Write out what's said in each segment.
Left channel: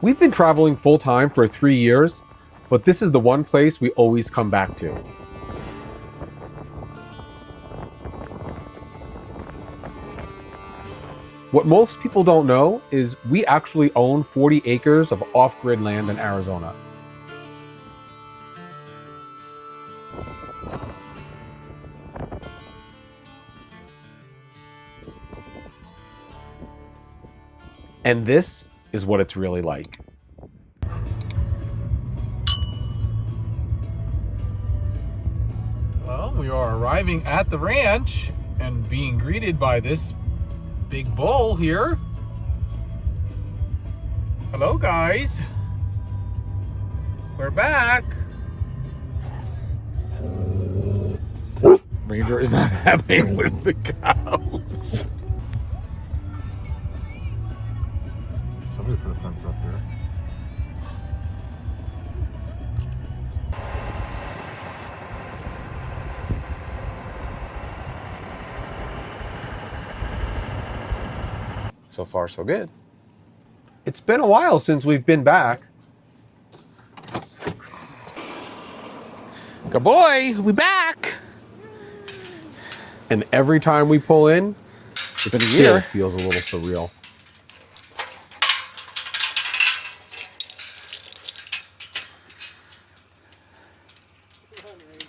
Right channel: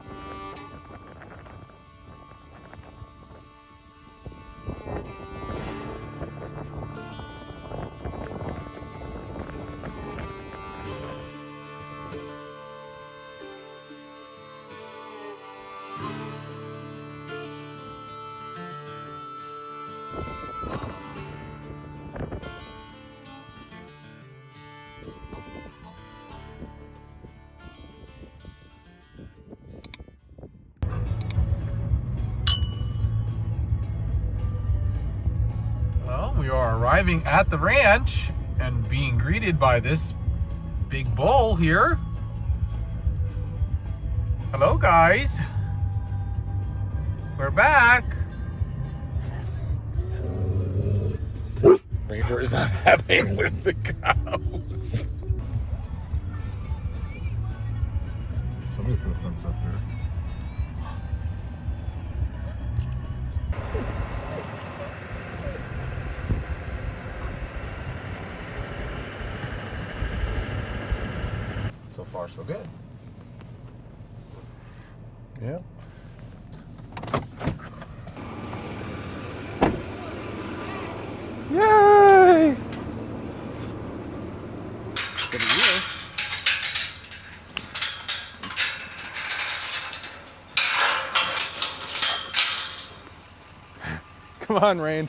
We've been traveling full-time for 3 years, but this is the one place we always come back to. What most people don't know is we actually own 40 acres of off-grid land in Arizona. And this is what it's really like. Well, we are arriving at the ranch and being greeted by this big bull here. Hello, guys. We're back. Ranger is not happy with the cows. Somebody put a fence up there. So far, so good. It's been a while since we've been back. Good boy, we back! Yay! And every time we pull in, it still feels a little surreal. Come on, Rain.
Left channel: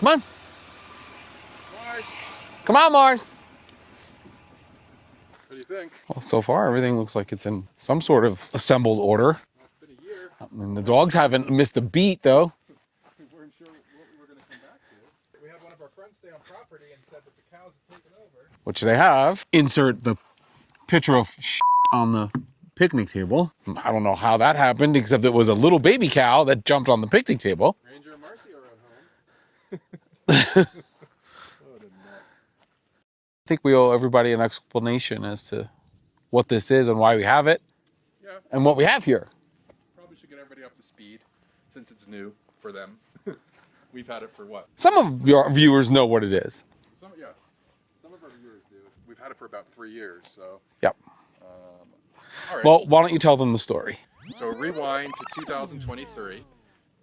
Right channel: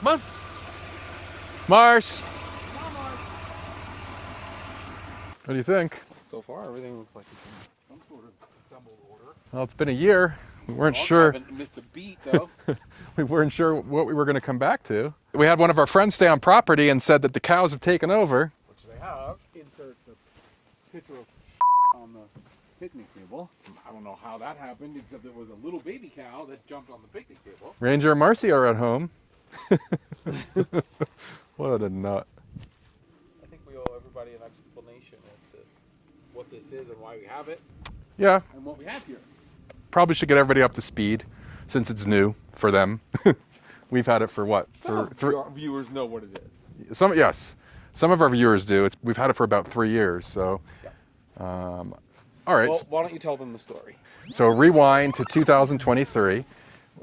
Come on. Mars! Come on, Mars. What do you think? Well, so far, everything looks like it's in some sort of assembled order. Well, it's been a year. The dogs haven't missed a beat, though. We weren't sure what we were going to come back to. We had one of our friends stay on property and said that the cows have taken over. Which they have. Insert the picture of on the picnic table. I don't know how that happened, except it was a little baby cow that jumped on the picnic table. Ranger and Marcy are at home. What a nut. I think we owe everybody an explanation as to what this is and why we have it. Yeah. And what we have here. Probably should get everybody up to speed since it's new for them. We've had it for what? Some of your viewers know what it is. Yes. Some of our viewers do. We've had it for about 3 years, so. Yep. All right. Well, why don't you tell them the story? So rewind to 2023,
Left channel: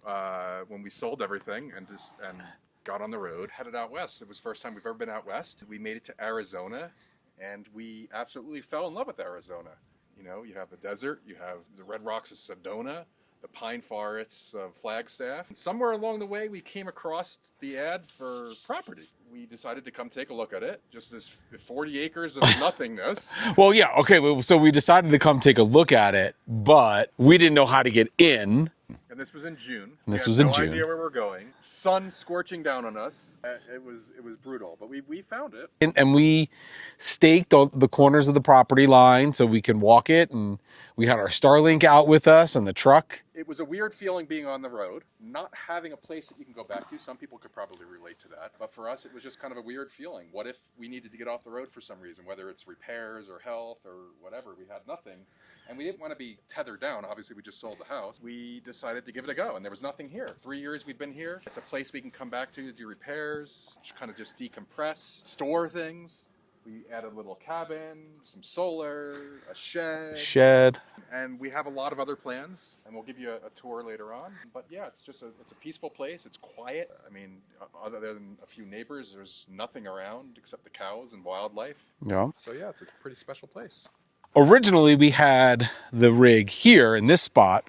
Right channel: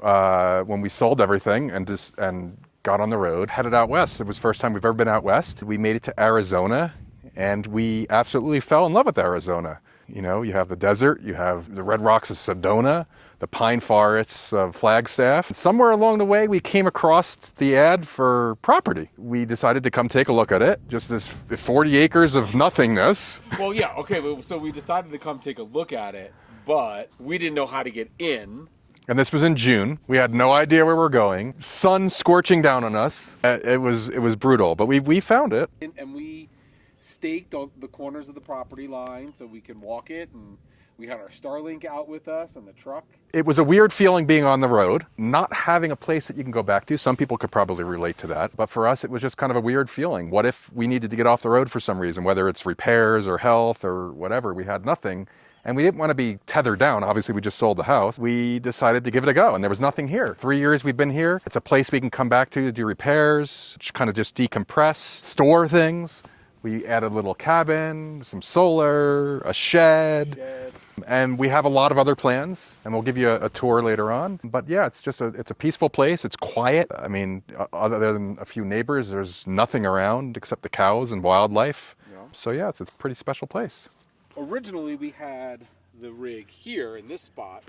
when we sold everything and got on the road, headed out west. It was the first time we've ever been out west. We made it to Arizona, and we absolutely fell in love with Arizona. You know, you have the desert, you have the red rocks of Sedona, the pine forests of Flagstaff. Somewhere along the way, we came across the ad for property. We decided to come take a look at it. Just this 40 acres of nothingness. Well, yeah, okay, so we decided to come take a look at it, but we didn't know how to get in. And this was in June. We had no idea where we're going. Sun scorching down on us. It was brutal, but we found it. And we staked the corners of the property line so we can walk it, and we had our Starlink out with us and the truck. It was a weird feeling being on the road, not having a place that you can go back to. Some people could probably relate to that, but for us it was just kind of a weird feeling. What if we needed to get off the road for some reason, whether it's repairs or health or whatever? We had nothing. And we didn't want to be tethered down. Obviously, we just sold the house. We decided to give it a go, and there was nothing here. 3 years we've been here. It's a place we can come back to do repairs, kind of just decompress, store things. We added a little cabin, some solar, a shed. And we have a lot of other plans, and we'll give you a tour later on. But yeah, it's a peaceful place. It's quiet. I mean, other than a few neighbors, there's nothing around except the cows and wildlife. Yeah. So yeah, it's a pretty special place. Originally, we had the rig here in this spot,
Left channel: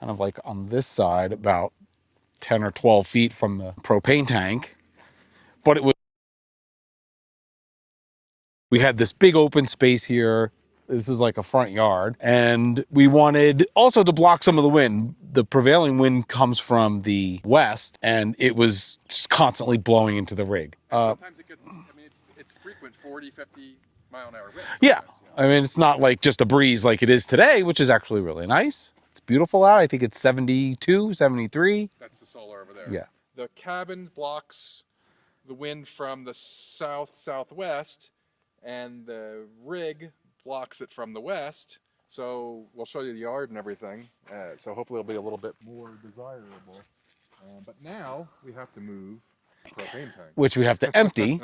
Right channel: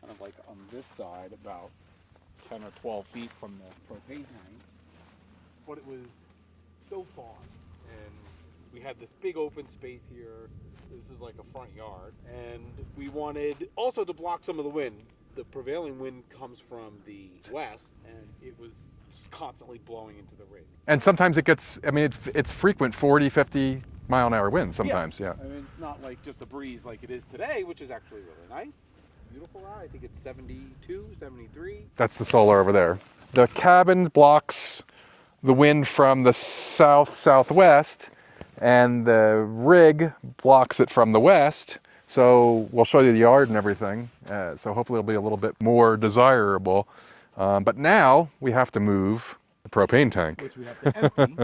kind of like on this side, about 10 or 12 feet from the propane tank. But it was so far. And we had this big open space here. This is like a front yard. And we wanted also to block some of the wind. The prevailing wind comes from the west, and it was just constantly blowing into the rig. And sometimes it gets, I mean, it's frequent 40, 50 mile-an-hour winds sometimes. Yeah. I mean, it's not like just a breeze like it is today, which is actually really nice. It's beautiful out. I think it's 72, 73. That's the solar over there. Yeah. The cabin blocks the wind from the southwest, and the rig blocks it from the west. So we'll show you the yard and everything. So hopefully it'll be a little bit more desirable. But now we have to move the propane tank, which we have to empty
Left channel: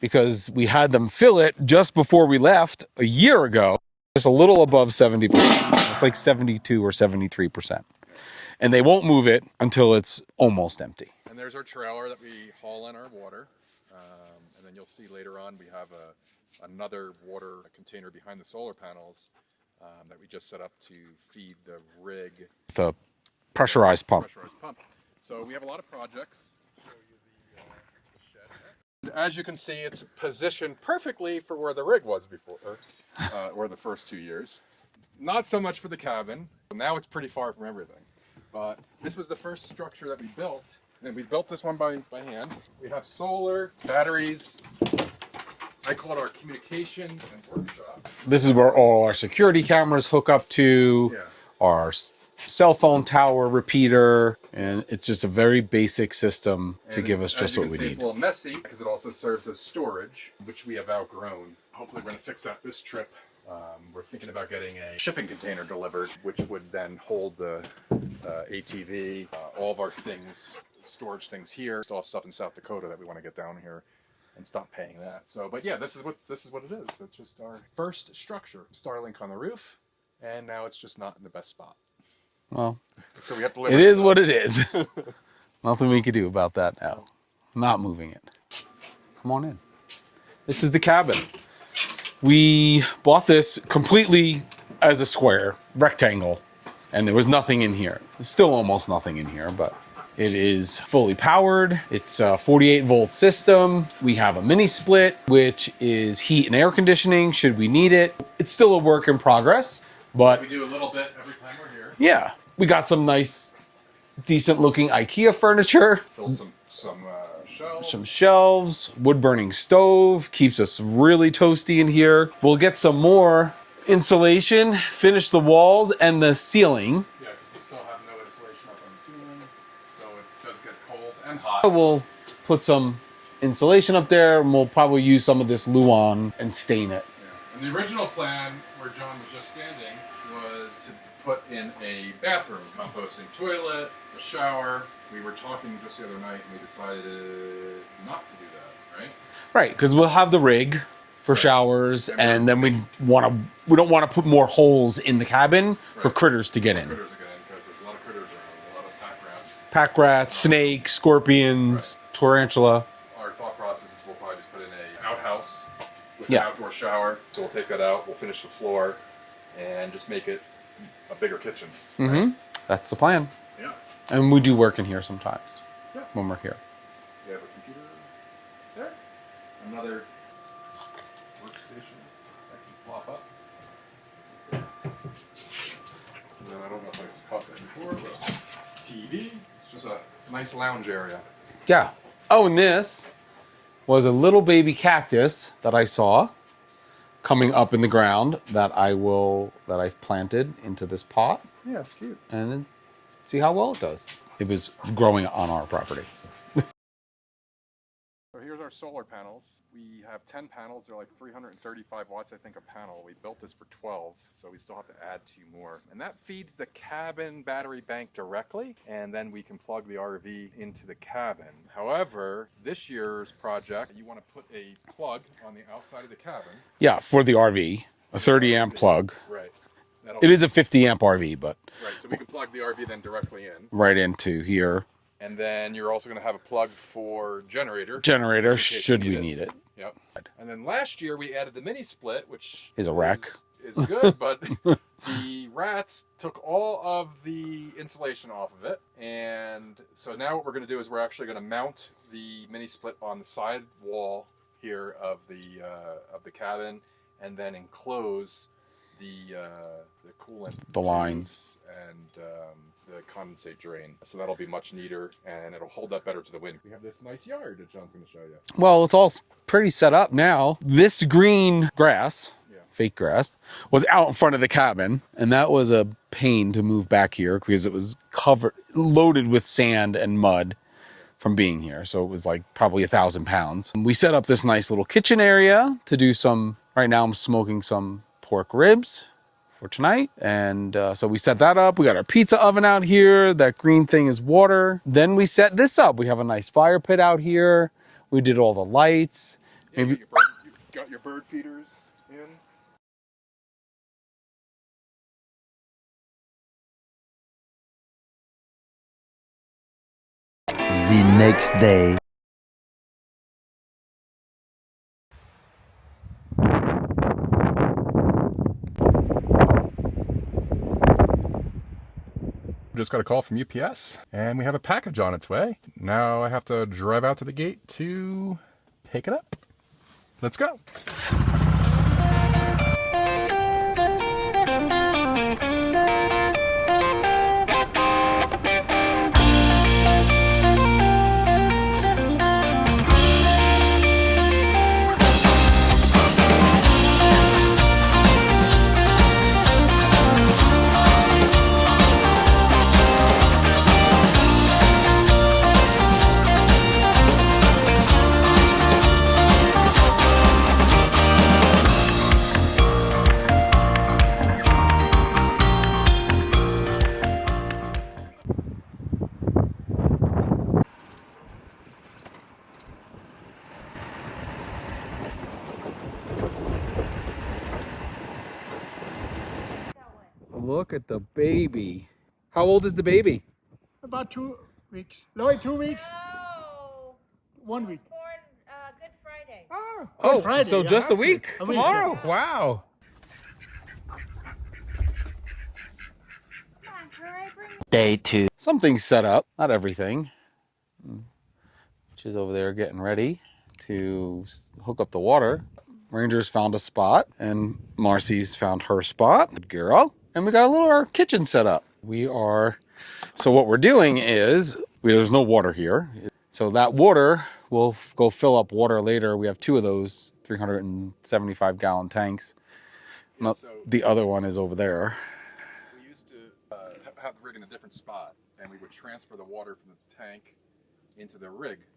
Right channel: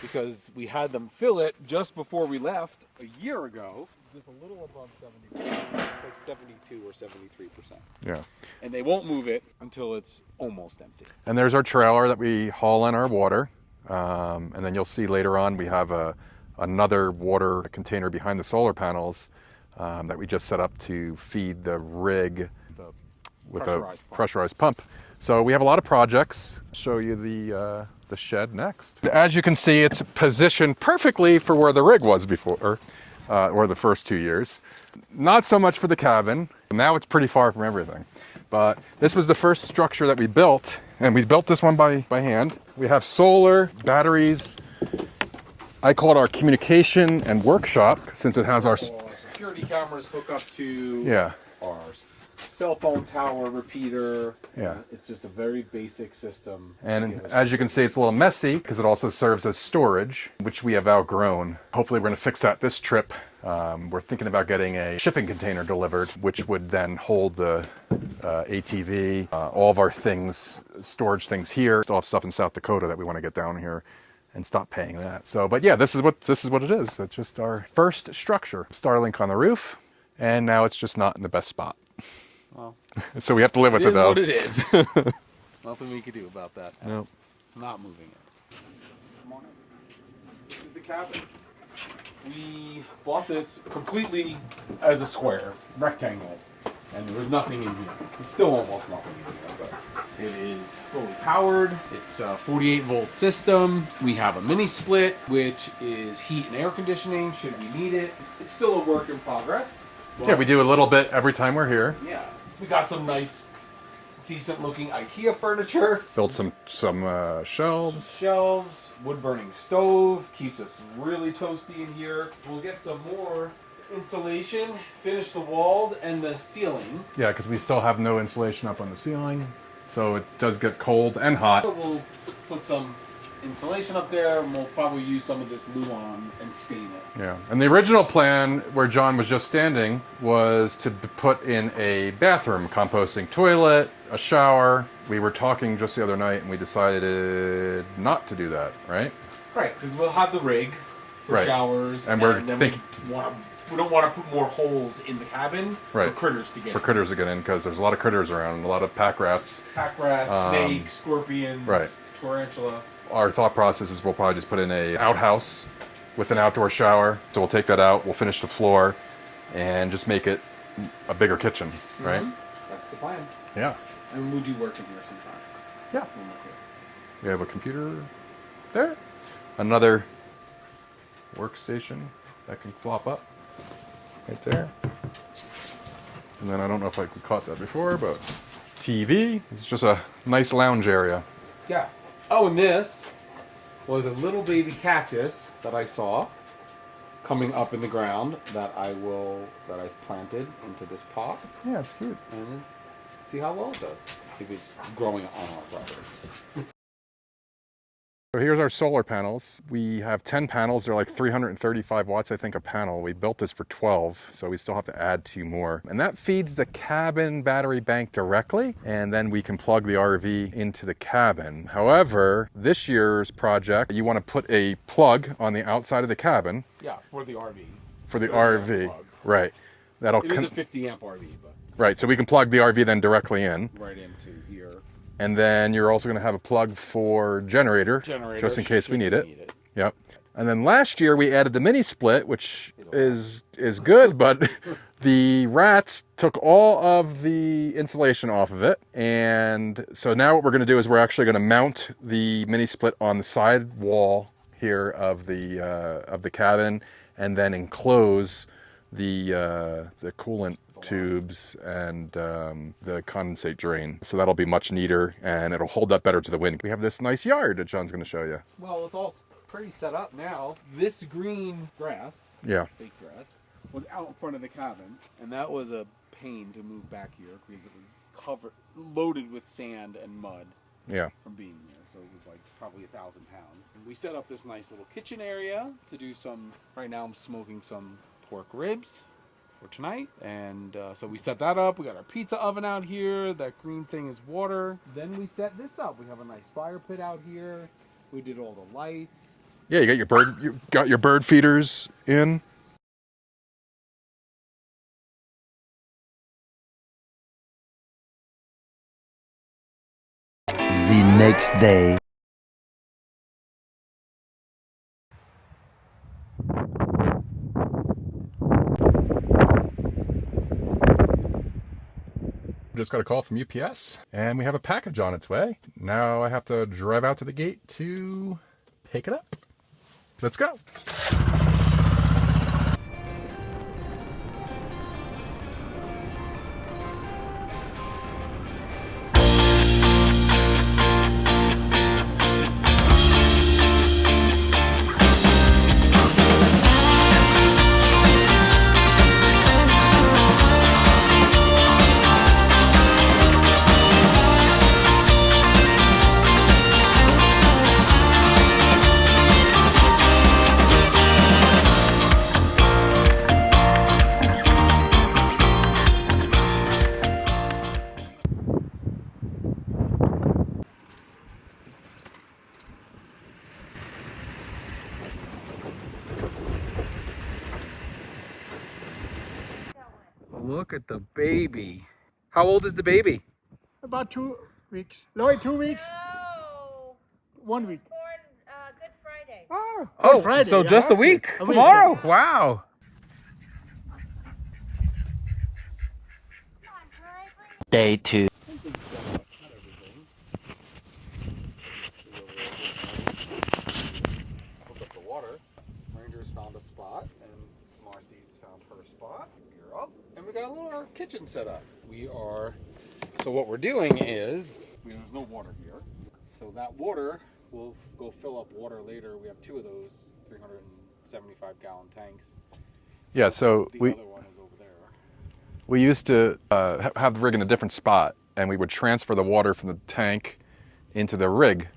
because we had them fill it just before we left a year ago. Just a little above 70%. It's like 72 or 73%. Yeah. And they won't move it until it's almost empty. And there's our trailer that we haul in our water. And then you'll see later on we have another water container behind the solar panels that we just set up to feed the rig. The pressurized pump. Pressurized pump. So we have a lot of projects. Show you the shed next. As you can see, it's positioned perfectly for where the rig was before, or the first 2 years. Not so much for the cabin. Now it's pretty far from everything. But this was the first structure that we built, and we built this one by hand. We have solar, batteries. I call it our communication and workshop. Since This is where all our security cameras hook up to. Yeah. Our cell phone tower repeater, and it's just a very basic system to give us. As you can see, it's a little messy because it also serves as storage, which we have outgrown. Hopefully, we're going to fix that this trip. We're thinking about getting a shipping container delivered, which would then hold the ATV, all of our things, storage things here. Still have stuff in South Dakota that we want to get down here and stop paying that. So, but yeah, this is what it is. It's just our first structure. Starlink on the roof, and now it's just not in the best spot. Well, so we have to live with it. It is what it is. Nothing we can do about that now. Nope. Not moving it. Come on in. This is the cabin. We bought this completely as a square, rectangle, and there was nothing in here. There's still almost nothing in here, but it is fully powered. It's a 48-volt system. We have a mini split, which is heat and air conditioning should we need it. It's still a work in progress, but yeah, we do a little bit every time we're here. Yeah, we got some nice, decent-looking IKEA furniture. Built some shelves. Some shelves, wood-burning stove, keeps us really toasty in here. We'll get some more insulation, finish the walls and the ceiling. Yeah, because we still have no insulation up on the ceiling, so it does get cold and hot. We'll put some insulation up there, and we'll probably use some of this Luan and stain it. Yeah, and the original plan where John was just standing was to put in a bathroom, composting toilet, a shower. We were talking just the other night and we decided not to do that, right? Right, because we'll have the rig for showers, and then we don't want to put more holes in the cabin for critters to get in. For critters to get in, because there's a lot of critters around, a lot of pack rats. Pack rats, snakes, scorpions, tarantula. Our thought process is we'll probably just put in a outhouse with an outdoor shower. So we'll take that out, we'll finish the floor, and just make it a bigger kitchen, right? That's the plan. Yeah. And we do work in here sometimes. Yeah. When we're here. We have a computer there. Another workstation that can flop up right there. And then I don't know if I caught that before, but TV. It's just a nice lounge area. Yeah. Oh, and this was a little baby cactus that I saw coming up in the ground that I've planted into this pot. Yeah, it's cute. And see how well it does. It was growing on our property. So here's our solar panels. We have 10 panels. They're like 335 watts, I think, a panel. We built this for 12, so we still have to add 2 more. And that feeds the cabin battery bank directly, and then we can plug the RV into the cabin. However, this year's project, you want to put a plug on the outside of the cabin. Yeah, for the RV. For 30 amp plug. Right. It is a 50 amp RV, but... Right, so we can plug the RV then directly in. Right into here. And then you're also going to have a plug for generator. Generator, just in case you need it. Yep. And then last year we added the mini split, which is a wreck. Is good, but the rats took all of the insulation off of it. And so now what we're going to do is we're actually going to mount the mini split on the side wall here of the cabin, and then enclose the coolant tubes lines and the condensate drain. So that'll be much neater, and it'll hold up better to the wind. We have this nice yard that John's going to show you. Well, it's all pretty set up now. This green grass, fake grass, was out in front of the cabin, and that was a pain to move back here because it was loaded with sand and mud. From being here. So it was like probably 1,000 pounds. We set up this nice little kitchen area to do some, right now I'm smoking some pork ribs for tonight. And so we set that up. We got our pizza oven out here. That green thing is water. Then we set this up. We have a nice fire pit out here. We did all the lights. Yeah, you got your bird feeders in. The next day. Just got a call from UPS and we have a package on its way. Now I have to drive out to the gate to pick it up. Let's go. Look at the baby. How old is the baby? About 2 weeks. Lloyd, 2 weeks? No. 1 week. Born Good Friday. Good Friday, so yeah, just a last week. A week, Tomorrow. yeah. Wow. Come on, can I bring Day 2. Something's set up, not everything. She's over there getting ready to hook up the water. Ranger's found a spot and Marcy's found her spot. Good girl. And we got a little our kitchen set up. So what we're doing is, there's no water here. So that water, we'll go fill up water later. We have 2 of those 375 gallon tanks. Yeah, so the other one is over there. we used to have the rig in a different spot and we would transfer the water from the tank into the rig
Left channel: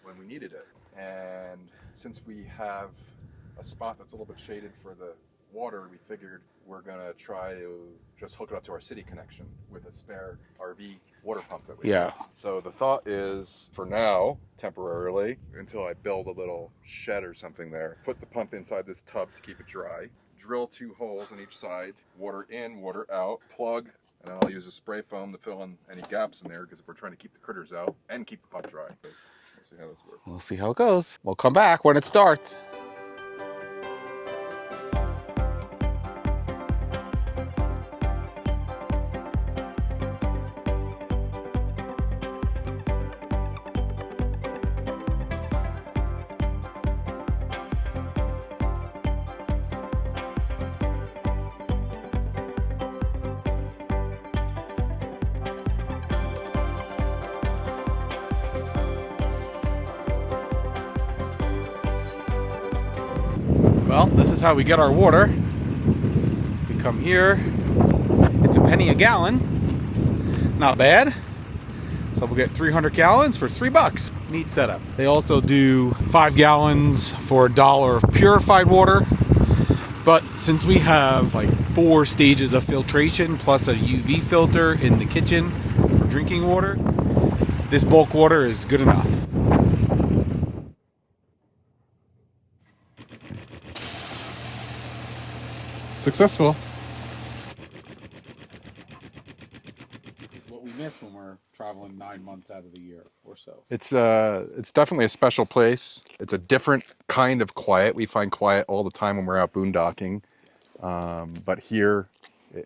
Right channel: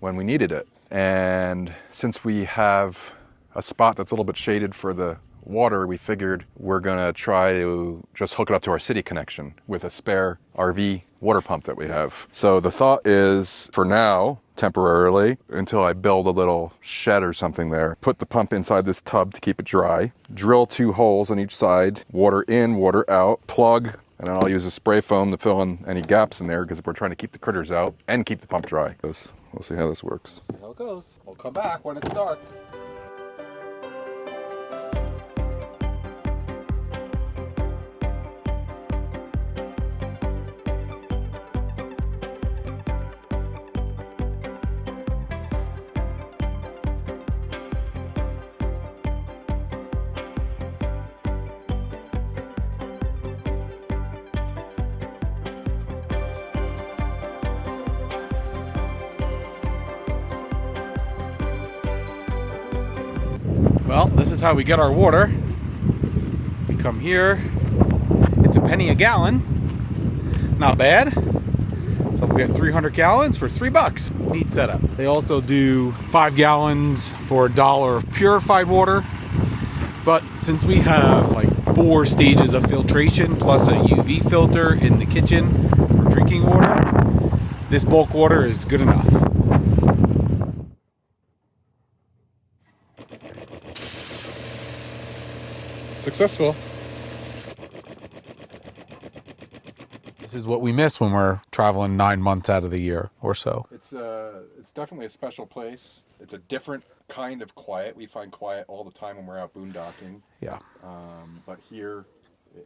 when we needed it. And since we have a spot that's a little bit shaded for the water, we figured we're gonna try to just hook it up to our city connection with a spare RV water pump that we have. So the thought is, for now, temporarily, until I build a little shed or something there, put the pump inside this tub to keep it dry, drill 2 holes on each side, water in, water out, plug, and then I'll use a spray foam to fill in any gaps in there because we're trying to keep the critters out and keep the pump dry. We'll see how this works. We'll see how it goes. We'll come back when it starts. Well, this is how we get our water. We come here. It's a penny a gallon. Not bad. So we get 300 gallons for $3. Neat setup. They also do 5 gallons for $1 of purified water. But since we have like 4 stages of filtration plus a UV filter in the kitchen for drinking water, this bulk water is good enough. Successful. This is what we miss when we're traveling 9 months out of the year or so. It's definitely a special place. It's a different kind of quiet. We find quiet all the time when we're out boondocking. Yeah. But here,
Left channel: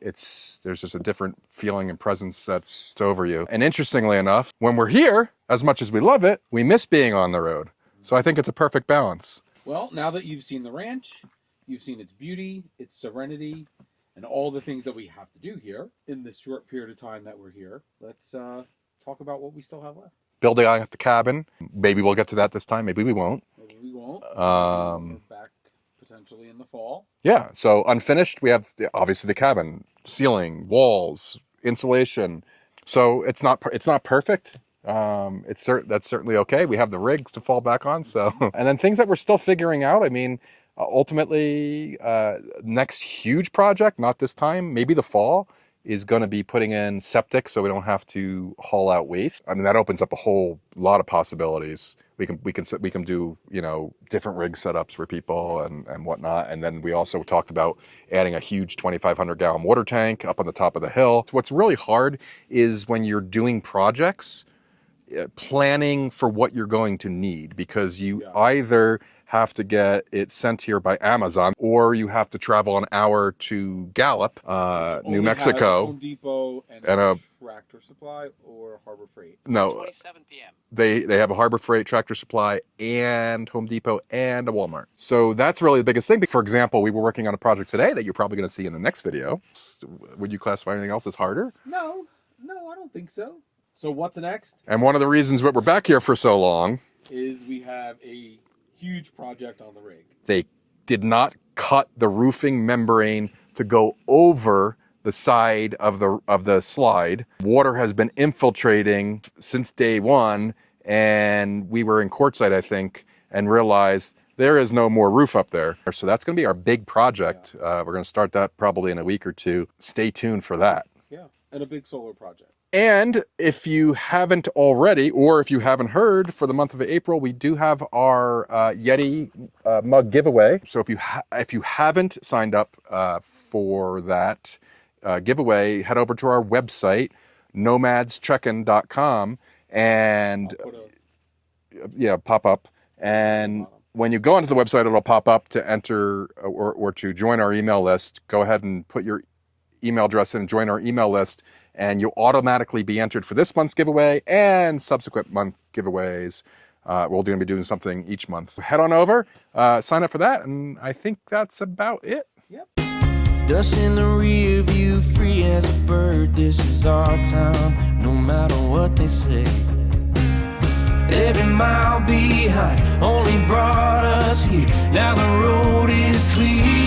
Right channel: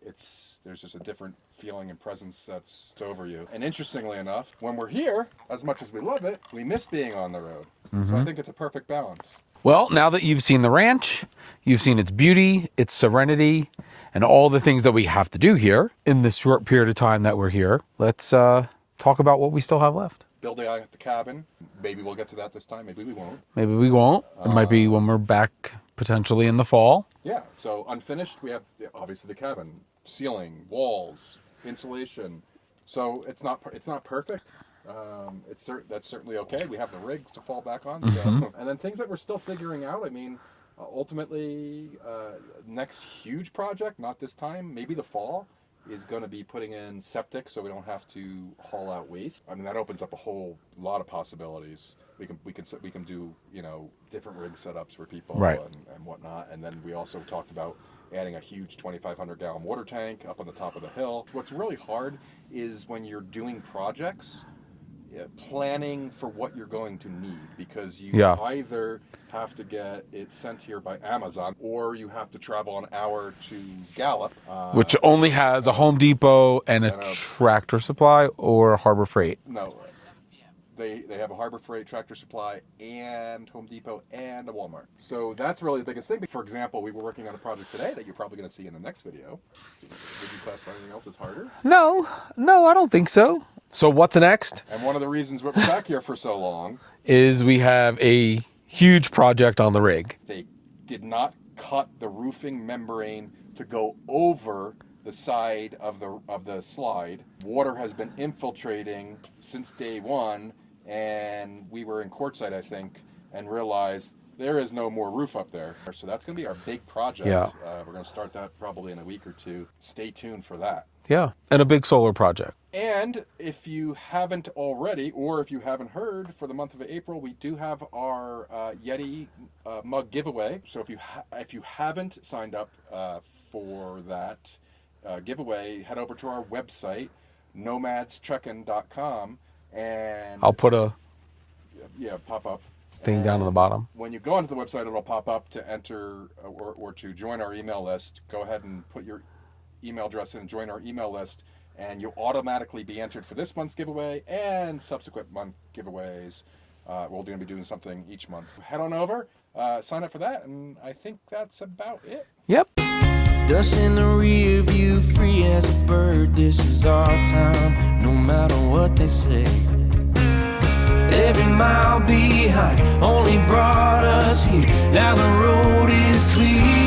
there's just a different feeling and presence that's over you. And interestingly enough, when we're here, as much as we love it, we miss being on the road. So I think it's a perfect balance. Well, now that you've seen the ranch, you've seen its beauty, its serenity, and all the things that we have to do here in this short period of time that we're here, let's talk about what we still have left. Building out the cabin. Maybe we'll get to that this time. Maybe we won't. Maybe we won't. It might be when we're back potentially in the fall. Yeah. So unfinished, we have obviously the cabin, ceiling, walls, insulation. So it's not perfect. That's certainly okay. We have the rigs to fall back on. So and then things that we're still figuring out. I mean, ultimately, next huge project, not this time, maybe the fall, is going to be putting in septic so we don't have to haul out waste. I mean, that opens up a whole lot of possibilities. We can do, different rig setups for people, right, and whatnot. And then we also talked about adding a huge 2,500 gallon water tank up on the top of the hill. What's really hard is when you're doing projects, planning for what you're going to need, because you Yeah. either have to get it sent here by Amazon, or you have to travel an hour to Gallup, Which New only has Mexico. a Home Depot and And a a- Tractor Supply or Harbor Freight. No, they have a Harbor Freight, Tractor Supply, and Home Depot, and a Walmart. So that's really the biggest thing. For example, we were working on a project today that you're probably going to see in the next video. Would you classify anything else as harder? No, I don't think so. So what's next And one of the reasons that we're back here for so long, is we have a huge project on the rig. they did not cut the roofing membrane to go over the side of the slide. Water has been infiltrating since day one, and we were in Quartzsite, I think, and realized there is no more roof up there. So that's going to be our big project. We're going to start that probably in a week or two. Stay tuned for that. Yeah, and a big solar project. And if you haven't already, or if you haven't heard, for the month of April, we do have our Yeti mug giveaway. So if you haven't signed up for that giveaway, head over to our website, nomadscheck-in.com, and I'll put a pop up. down And on the bottom. when you go onto the website, it'll pop up to enter or to join our email list. Go ahead and put your email address in and join our email list, and you'll automatically be entered for this month's giveaway and subsequent month giveaways. We're going to be doing something each month. Head on over, sign up for that, and I think that's about it. Yep. Dust in the rear view, free as a bird. This is our time, no matter what they say. Every mile behind only brought us here. Now the road is clear.